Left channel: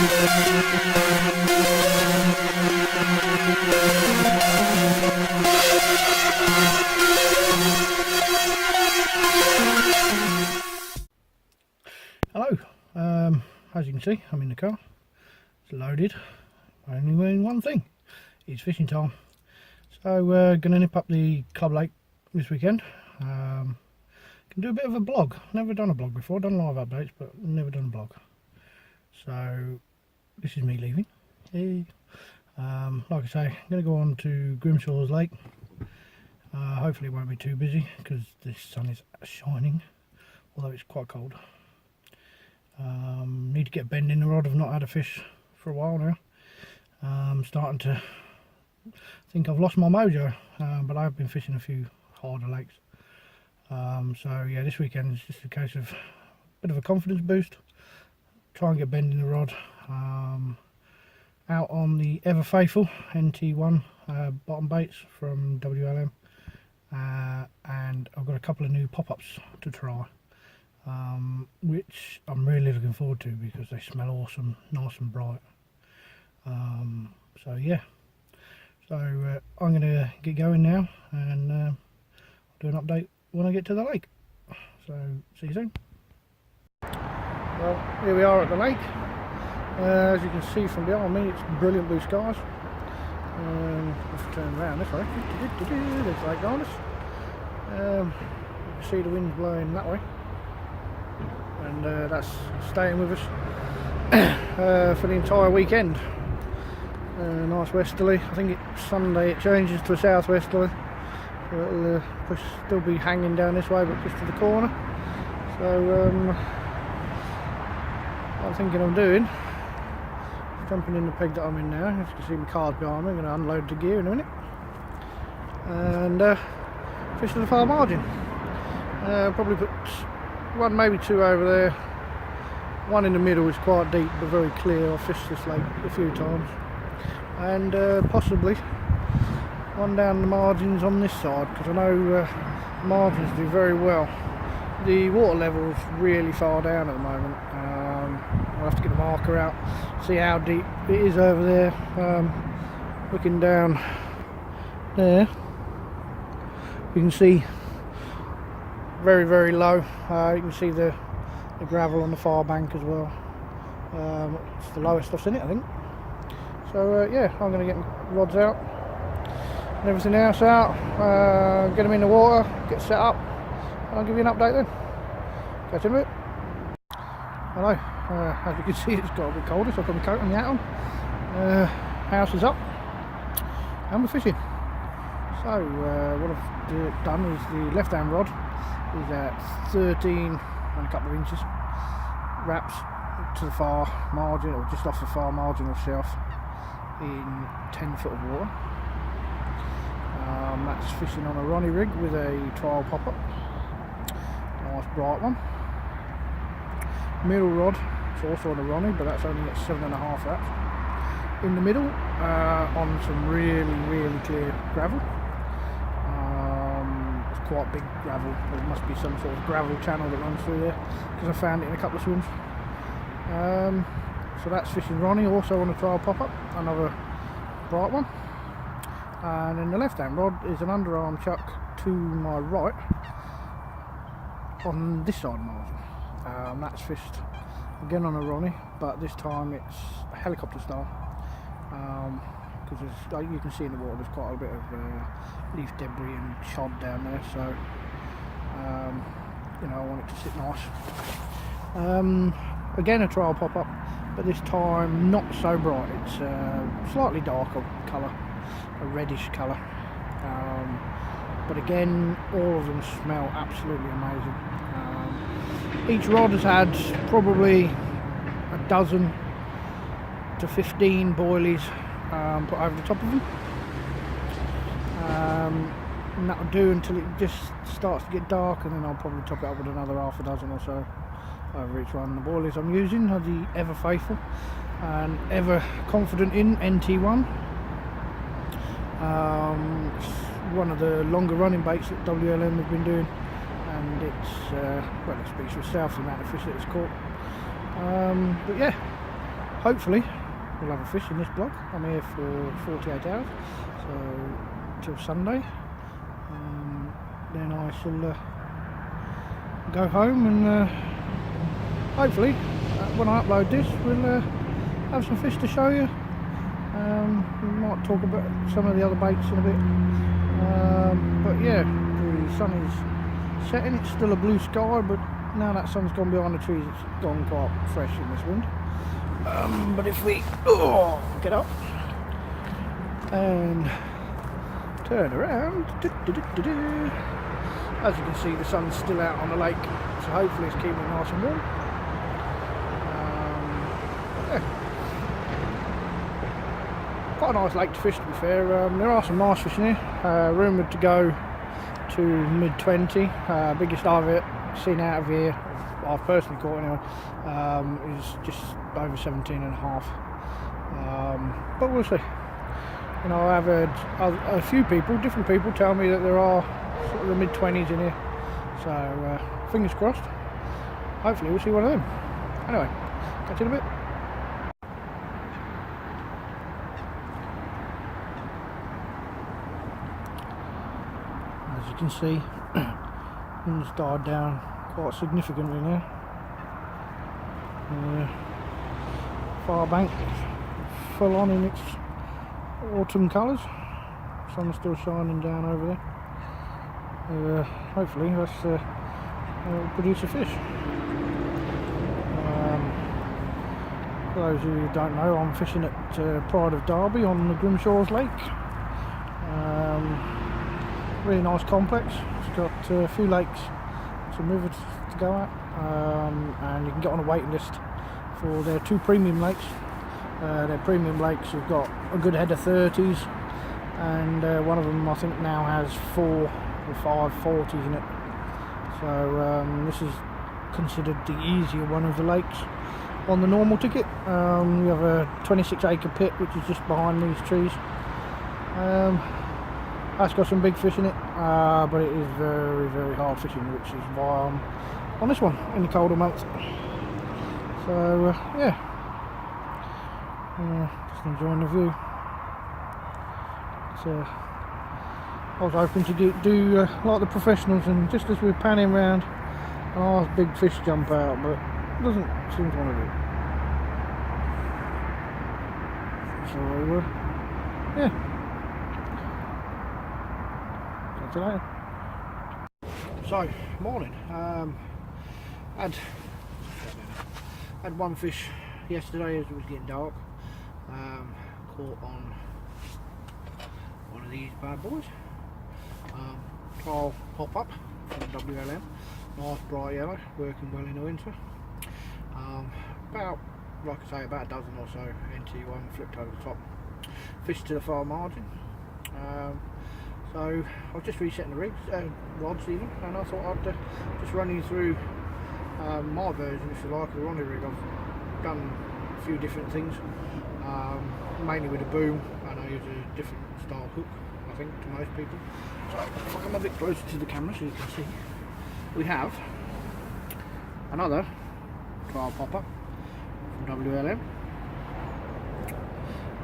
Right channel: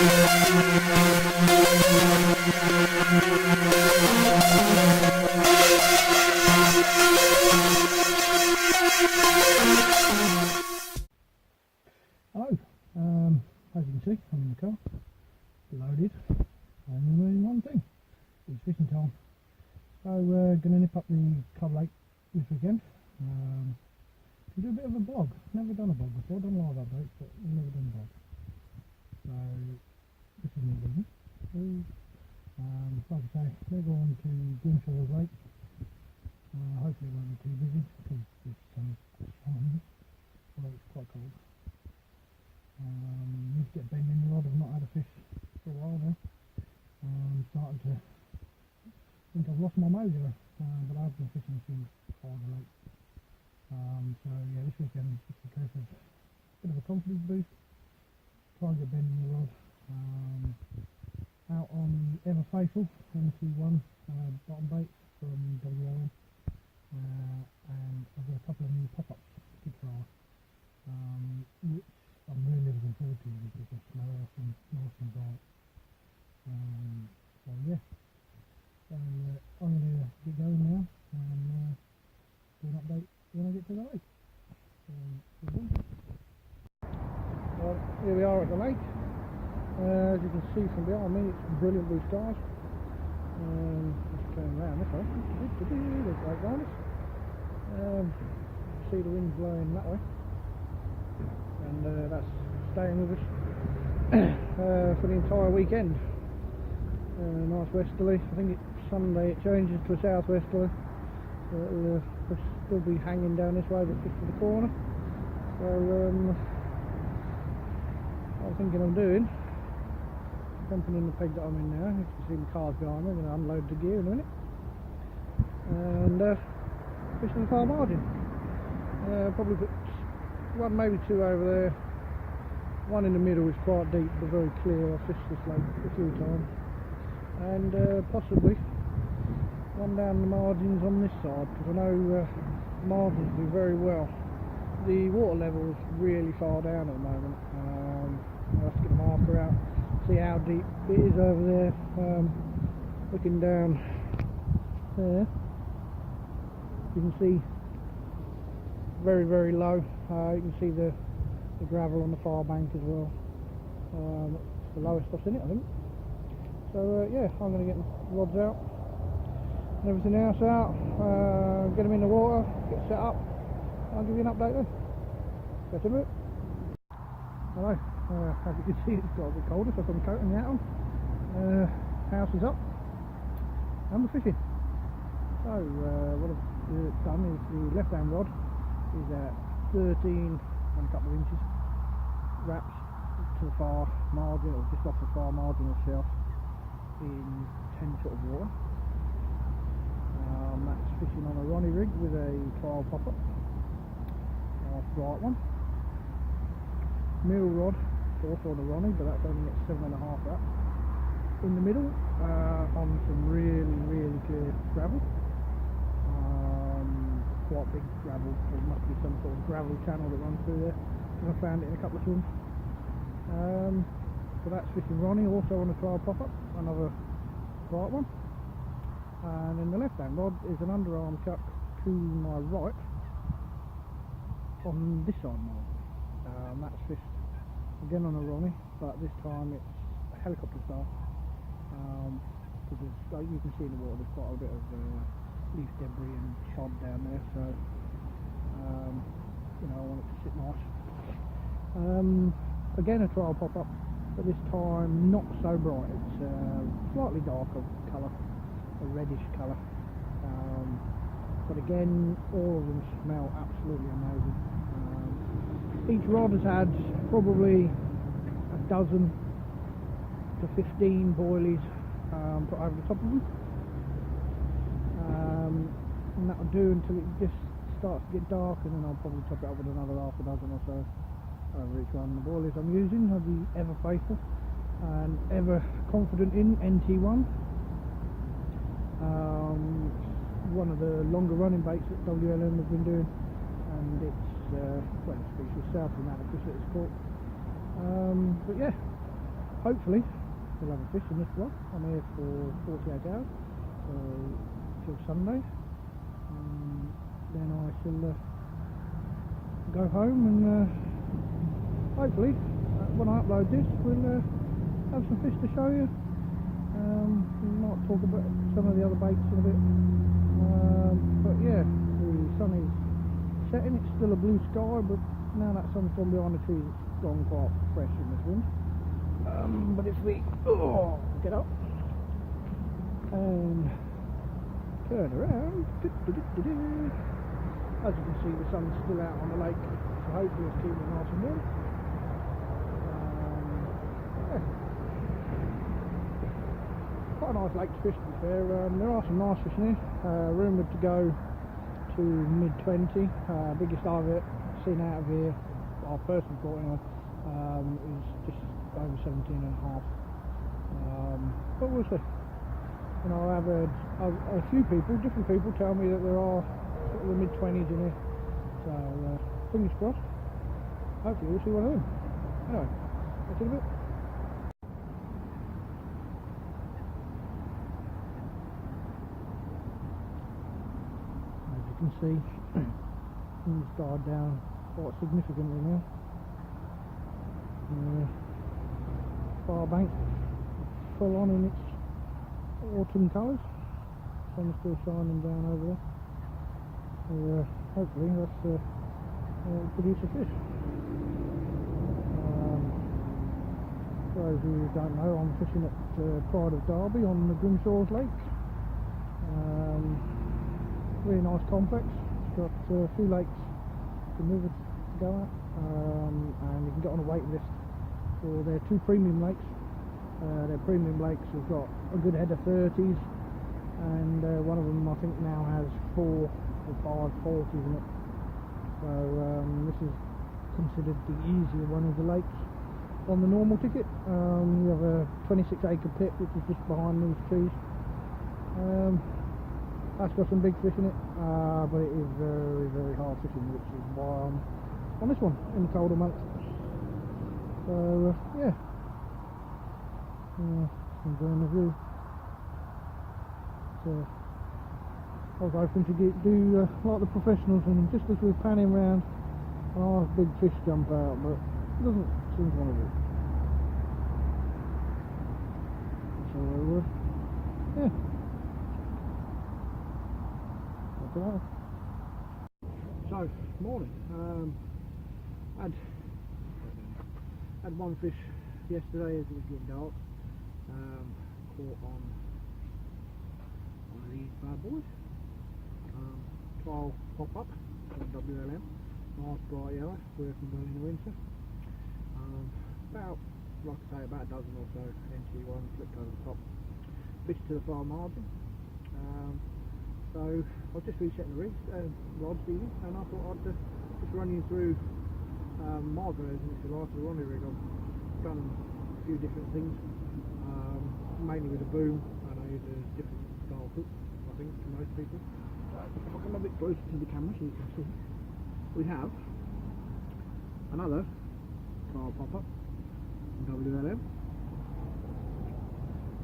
Hello, as you can see I'm in the car, it's loaded, only doing one thing, it's fishing time. So we're going to nip up the Club Lake this weekend. Can do a bit of a blog, never done a blog before, done live updates but never done a blog. So this is me leaving. Like I say, I'm going to go on to Grimshaws Lake. Hopefully it won't be too busy because the sun is shining, although it's quite cold. Need to get a bend in the rod. I've not had a fish for a while now. I'm starting to think I've lost my mojo, but I've been fishing a few harder lakes. So yeah, this weekend is just a case of a bit of a confidence boost. Try and get a bend in the rod. Out on the ever faithful NT1 bottom baits from WLM, and I've got a couple of new pop-ups to try. Which I'm really looking forward to because they smell awesome, nice and bright. So yeah, so I'm going to get going now and do an update when I get to the lake. So see you soon. Well, here we are at the lake. As you can see from behind me, it's brilliant blue skies. Let's turn around this way. There's Lake Garnis. You can see the wind's blowing that way. And that's staying with us for the entire weekend. Nice westerly. I think it's Sunday it changes to a southwesterly, so it'll still be hanging down this way but just to the corner. So what I'm thinking of doing, jumping in the peg that I'm in now. As you can see my car's behind me. I'm going to unload the gear in a minute and fish to the far margin. Probably put one, maybe two over there. One in the middle is quite deep but very clear. I've fished this lake a few times. And possibly one down the margins on this side, because I know margins do very well. The water level is really far down at the moment. I'll have to get the marker out, see how deep it is over there. Looking down there, you can see very, very low. You can see the gravel on the far bank as well. It's the lowest I've seen it, I think. So yeah, I'm going to get my rods out and everything else out, get them in the water, get set up, and I'll give you an update then. Catch you in a bit. Hello, as you can see it's got a bit colder, so I've got my coat and the hat on. House is up and we're fishing. So what I've done is the left hand rod is at 13 and a couple of inches, wraps to the far margin or just off the far marginal shelf in 10 foot of water. That's fishing on a Ronnie rig with a trial pop-up, nice bright one. Middle rod, it's also on a Ronnie, but that's only at 7.5 wraps. In the middle, on some really, really clear gravel. It's quite big gravel. There must be some sort of gravel channel that runs through there because I found it in a couple of swims. So that's fishing Ronnie, also on a trial pop-up, another bright one. And then the left hand rod is an underarm chuck to my right on this side margin. That's fished again on a Ronnie, but this time it's helicopter style, because like you can see in the water there's quite a bit of leaf debris and chod down there, so you know, I want it to sit nice. Again a trial pop-up, but this time not so bright. It's slightly darker colour, a reddish colour, but again all of them smell absolutely amazing. Each rod has had probably a dozen to 15 boilies put over the top of them, and that'll do until it just starts to get dark, and then I'll probably top it up with another half a dozen or so over each one. The boilies I'm using are the Ever Faithful and Ever Confident in NT1. It's one of the longer running baits that WLM have been doing, and it's well, it speaks for itself, the amount of fish that it's caught. But yeah, hopefully we'll have a fish in this block. I'm here for 48 hours, so till Sunday. Then I shall go home and hopefully when I upload this we'll have some fish to show you. We might talk about some of the other baits in a bit, but yeah, the sun is setting. It's still a blue sky, but now that sun's gone behind the trees, it's gone quite fresh in this wind. But if we get up and turn around, as you can see, the sun's still out on the lake, so hopefully it's keeping it nice and warm. Yeah. Quite a nice lake to fish, to be fair. There are some nice fish in here, rumoured to go to mid-20. Biggest I've seen out of here, I've personally caught anyway, is just over 17.5. But we'll see. You know, I've heard a few people, different people, tell me that there are sort of the mid-20s in here. So fingers crossed. Hopefully we'll see one of them. Anyway, catch you in a bit. As you can see, things died down quite significantly now. Far bank full on in its autumn colours. Sun's still shining down over there. Hopefully that's will produce a fish. For those who don't know, I'm fishing at Pride of Derby on the Grimshaws Lake. Really nice complex. It's got a few lakes, some rivers to go at, and you can get on a waiting list for their 2 premium lakes. Their premium lakes have got a good head of 30s, and one of them I think now has 4 or 5 40s in it. So this is considered the easier one of the lakes on the normal ticket. You have a 26-acre pit which is just behind these trees. That's got some big fish in it, but it is very, very hard fishing, which is why I'm on this one in the colder months. So yeah, just enjoying the view. So I was hoping to do like the professionals, and just as we're panning around, a nice big fish jump out, but it doesn't seem to want to do. So yeah. Today. So, morning. Had one fish yesterday as it was getting dark. Caught on one of these bad boys. Trial pop up from WLM. Nice bright yellow, working well in the winter. About, like I say, about a dozen or so NT1 flipped over the top. Fish to the far margin. So I was just resetting the rigs, rods even, and I thought I'd just run you through my version, if you like, of the Ronnie rig. I've done a few different things, mainly with a boom, and I use a different style hook, I think, to most people. So if I come a bit closer to the camera so you can see, we have another trial popper from WLM.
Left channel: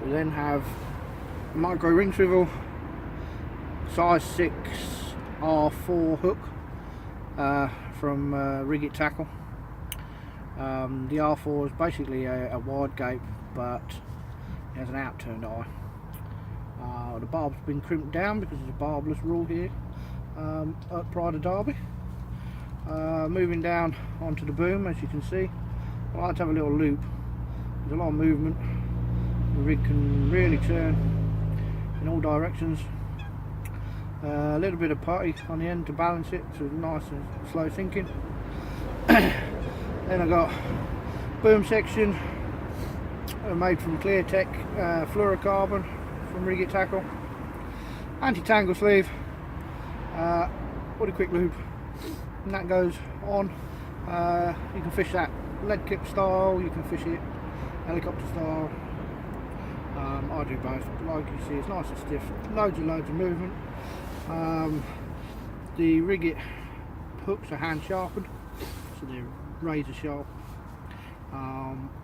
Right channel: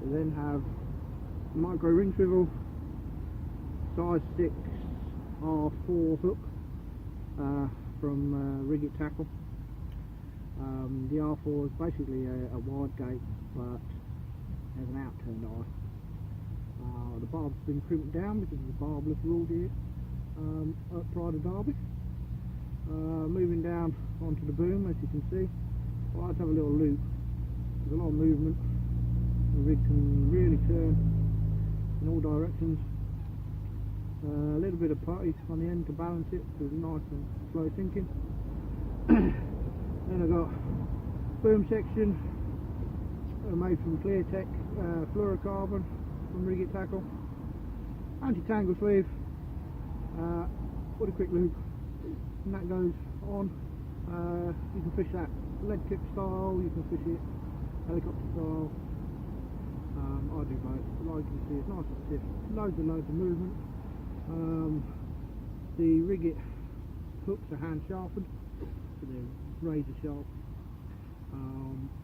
We then have micro ring swivel size 6 R4 hook from Rig-It Tackle. The R4 is basically a wide gape, but it has an outturned eye. The barb's been crimped down because there's a barbless rule here at Pride of Derby. Moving down onto the boom, as you can see, I like to have a little loop. There's a lot of movement. The rig can really turn in all directions. A little bit of putty on the end to balance it, so it's nice and slow sinking. Then I got boom section made from Cleartech fluorocarbon from Rig-It Tackle. Anti-tangle sleeve, with a quick loop, and that goes on. You can fish that lead kip style, you can fish it helicopter style. I do both, but like you see, it's nice and stiff, loads of movement. The Rig-It hooks are hand sharpened, so they're razor sharp.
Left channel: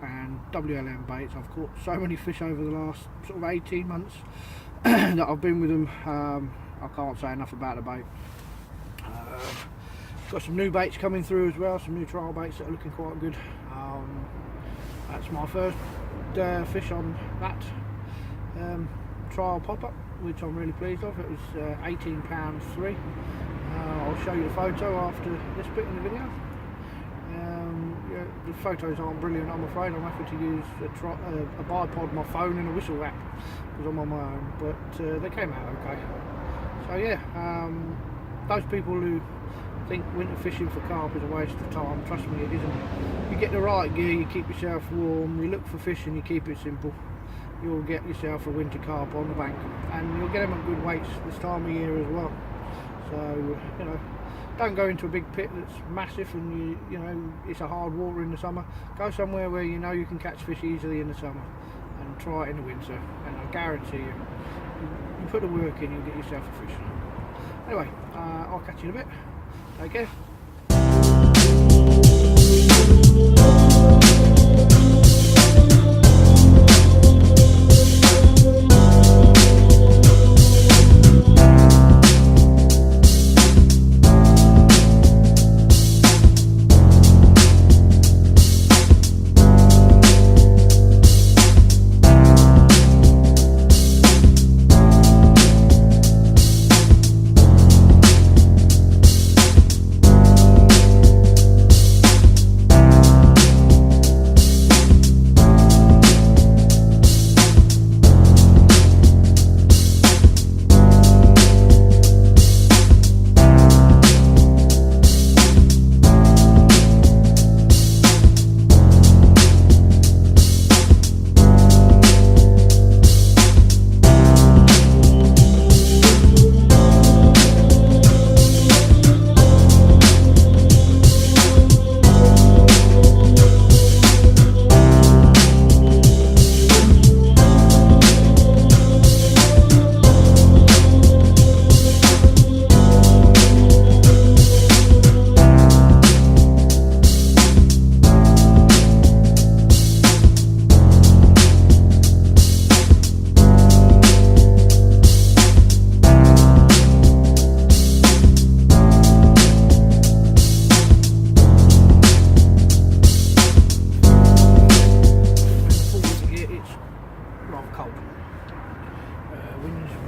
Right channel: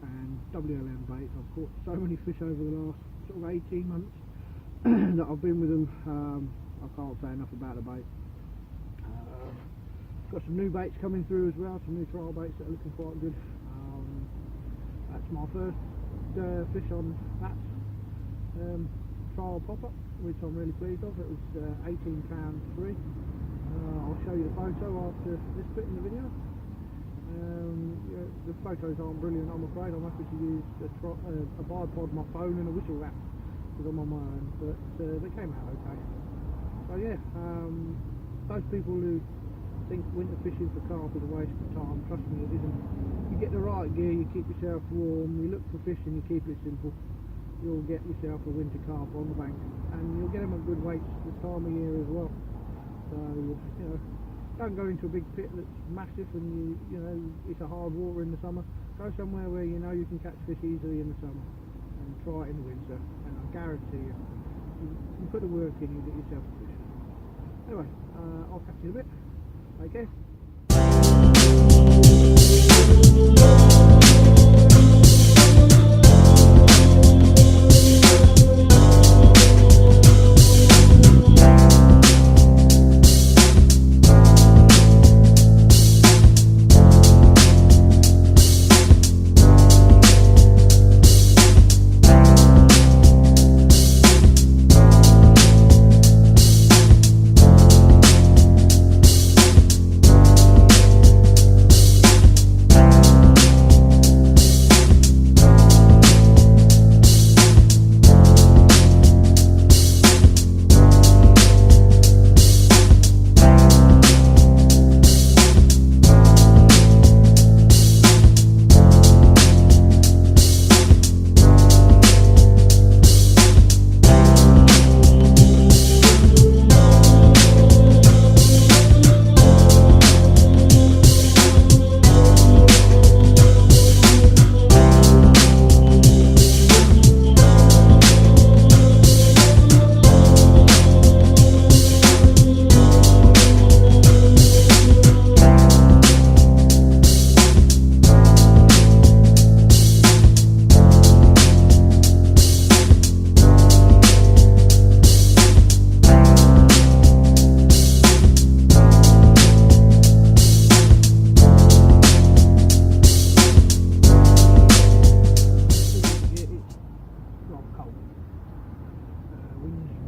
and WLM baits. I've caught so many fish over the last sort of 18 months that I've been with them. I can't say enough about the bait. Got some new baits coming through as well, some new trial baits that are looking quite good. That's my first fish on that trial pop-up, which I'm really pleased of. It was £18.3. I'll show you the photo after this bit in the video. Yeah, the photos aren't brilliant, I'm afraid. I'm having to use a bipod, my phone and a whistle wrap because I'm on my own, but they came out okay. So yeah, those people who think winter fishing for carp is a waste of time, trust me, it isn't. You get the right gear, you keep yourself warm, you look for fish and you keep it simple, you'll get yourself a winter carp on the bank, and you'll get them at good weights this time of year as well. So, you know, don't go into a big pit that's massive and you know it's a hard water in the summer. Go somewhere where you know you can catch fish easily in the summer, and try it in the winter, and I guarantee you, you put the work in, you'll get yourself a fish. Anyway, I'll catch you in a bit. Take care.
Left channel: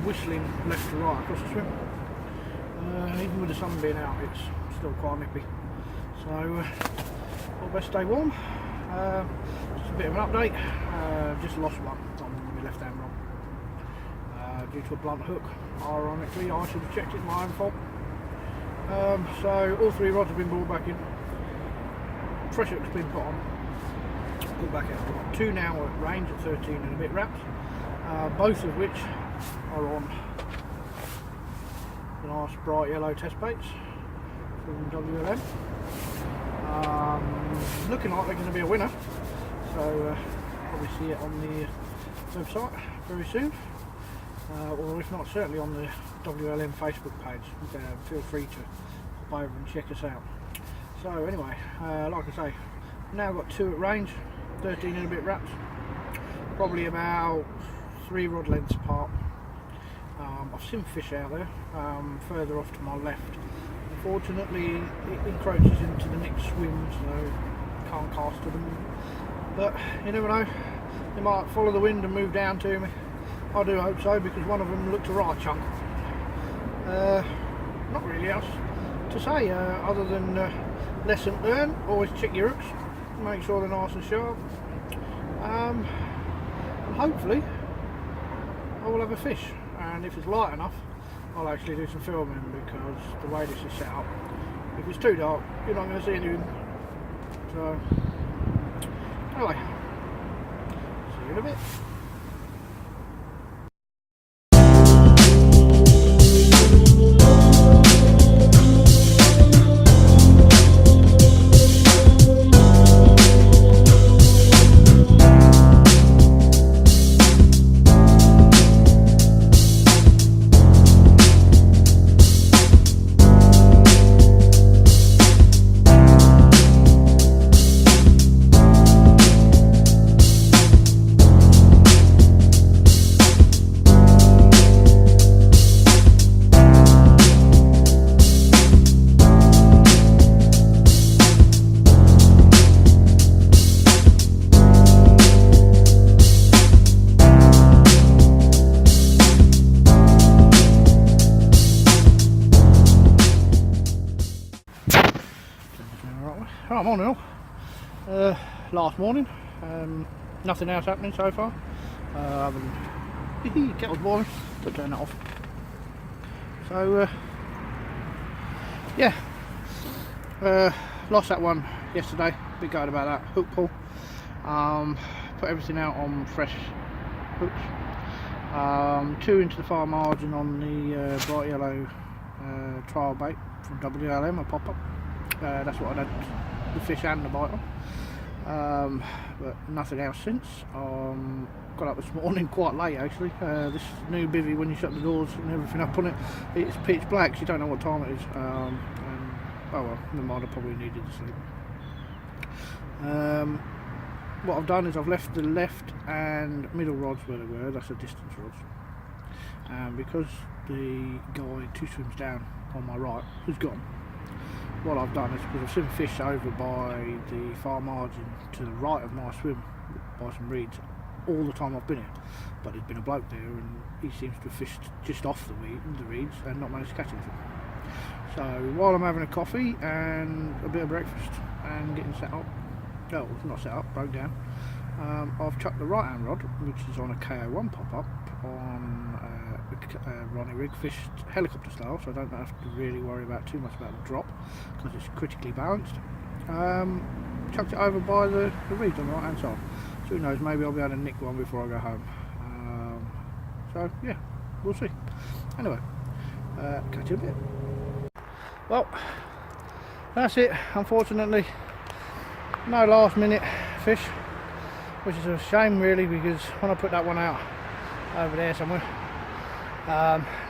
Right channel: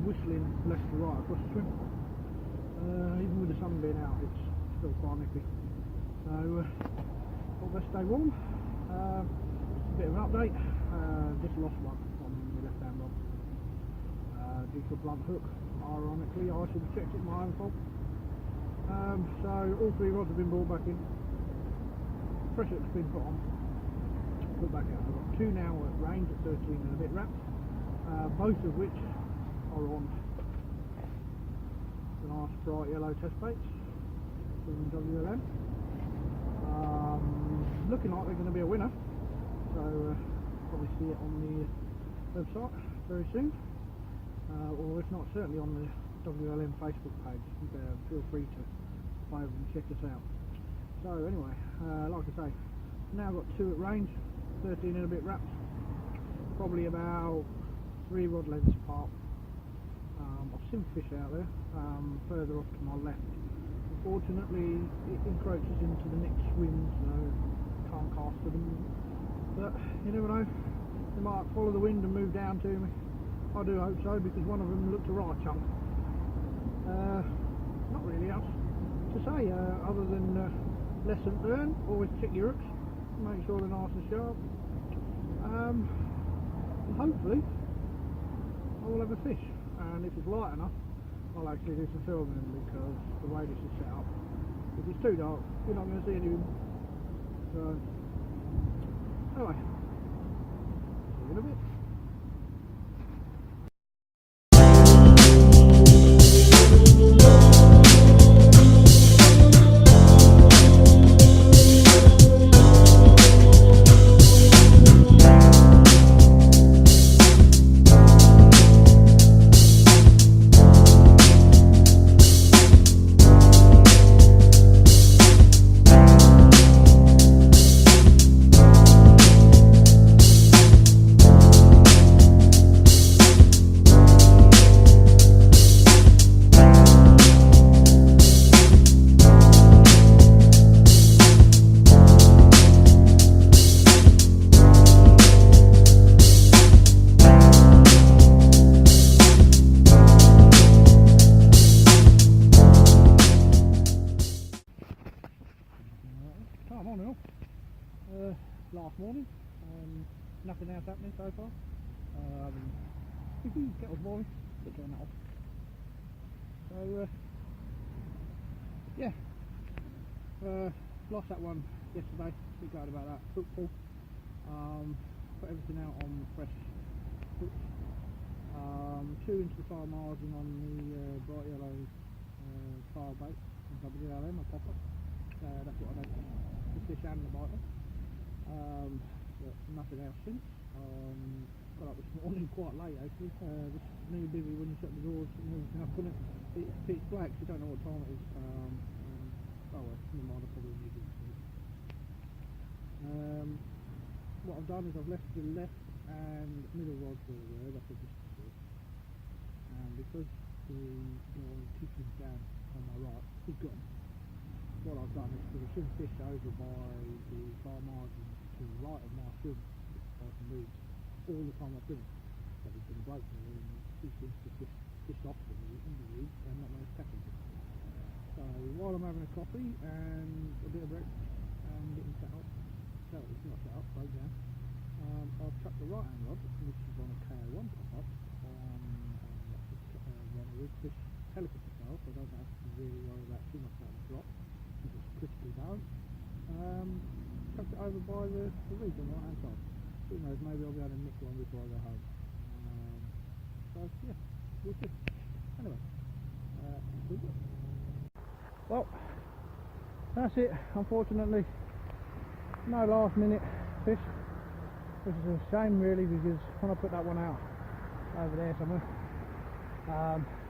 Whistling left to right across the swim. Even with the sun being out, it's still quite nippy. So, we'll best stay warm. Just a bit of an update. Just lost one on my left hand rod due to a blunt hook. Ironically, I should have checked it, my own fault. So, all three rods have been brought back in. Fresh hook's been put on. Put back out. We've got two now at range at 13 and a bit wraps. Both of which are on the nice bright yellow test baits from WLM. Looking like they're going to be a winner, so probably see it on the website very soon, or if not, certainly on the WLM Facebook page. Feel free to pop over and check us out. So anyway, like I say, now I've got two at range, 13 and a bit wraps, probably about 3 rod lengths apart. I've seen fish out there further off to my left. Unfortunately, it encroaches into the next swim, so can't cast to them. But you never know, they might follow the wind and move down to me. I do hope so, because one of them looked a right chunk. Not really else to say other than lesson learned. Always check your hooks, make sure they're nice and sharp, and hopefully I will have a fish. And if it's light enough, I'll actually do some filming, because the way this is set up, if it's too dark, you're not going to see anything. So anyway, see you in a bit. last morning. Nothing else happening so far. Other than kettle's boiling, but turn that off. So yeah, lost that one yesterday. Bit gutted about that. Hook pull. Put everything out on fresh hooks. 2 into the far margin on the bright yellow trial bait from WLM, a pop-up. That's what I had the fish and the bite on. But nothing else since. Got up this morning quite late actually. This new bivvy, when you shut the doors and everything up on it, it's pitch black, so you don't know what time it is. And oh well, never mind, I probably needed to sleep. What I've done is I've left the left and middle rods where they were. That's the distance rods. And because the guy 2 swims down on my right has gone, what I've done is, because I've seen fish over by the far margin to the right of my swim by some reeds all the time I've been here, but there's been a bloke there and he seems to have fished just off the reeds and not managed to catch anything. So while I'm having a coffee and a bit of breakfast and getting set up, well, not set up, broke down, I've chucked the right hand rod, which is on a KO1 pop-up on a Ronnie rig, fished helicopter style, so I don't have to really worry about too much about the drop because it's critically balanced. Chucked it over by the reeds on the right hand side. So who knows, maybe I'll be able to nick one before I go home. So yeah, we'll see. Anyway, catch you in a bit. Well, that's it. Unfortunately, no last minute fish, which is a shame really, because when I put that one out over there somewhere,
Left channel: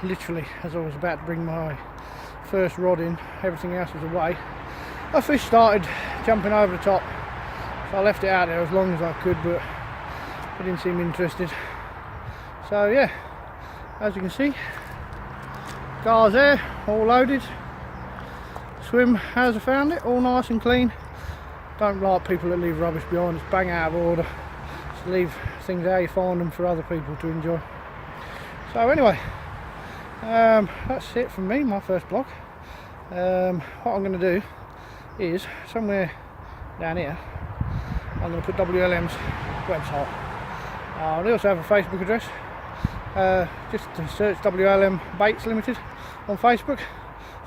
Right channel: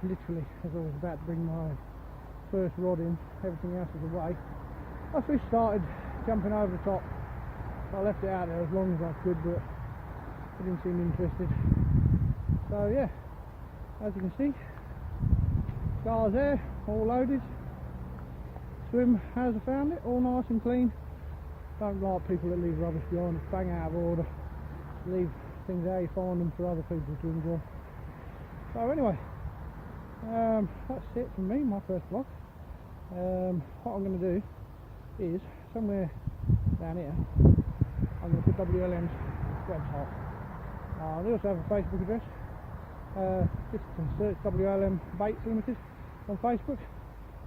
literally as I was about to bring my first rod in, everything else was away, a fish started jumping over the top. So I left it out there as long as I could, but it didn't seem interested. So yeah, as you can see, gar's there, all loaded. Swim as I found it, all nice and clean. Don't like people that leave rubbish behind, it's bang out of order. Just leave things how you find them for other people to enjoy. So anyway, that's it from me, my first vlog. What I'm going to do is, somewhere down here, I'm going to put WLM's website. They also have a Facebook address. Just to search WLM Baits Limited on Facebook.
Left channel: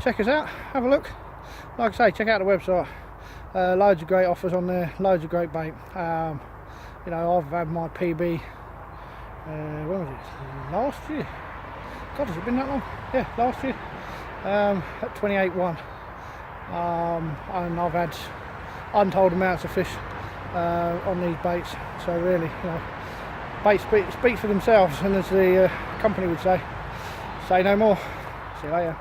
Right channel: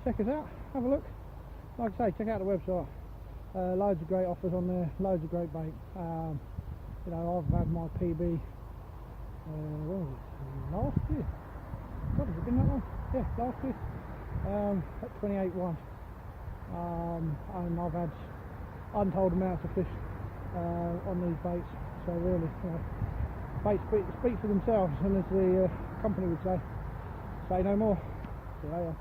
Check us out, have a look. Like I say, check out the website. Loads of great offers on there, loads of great bait. You know, I've had my PB, when was it? Last year? God, has it been that long? Yeah, last year. At 28.1. And I've had untold amounts of fish on these baits. So really, you know, baits speak for themselves, and as the company would say no more. See you later.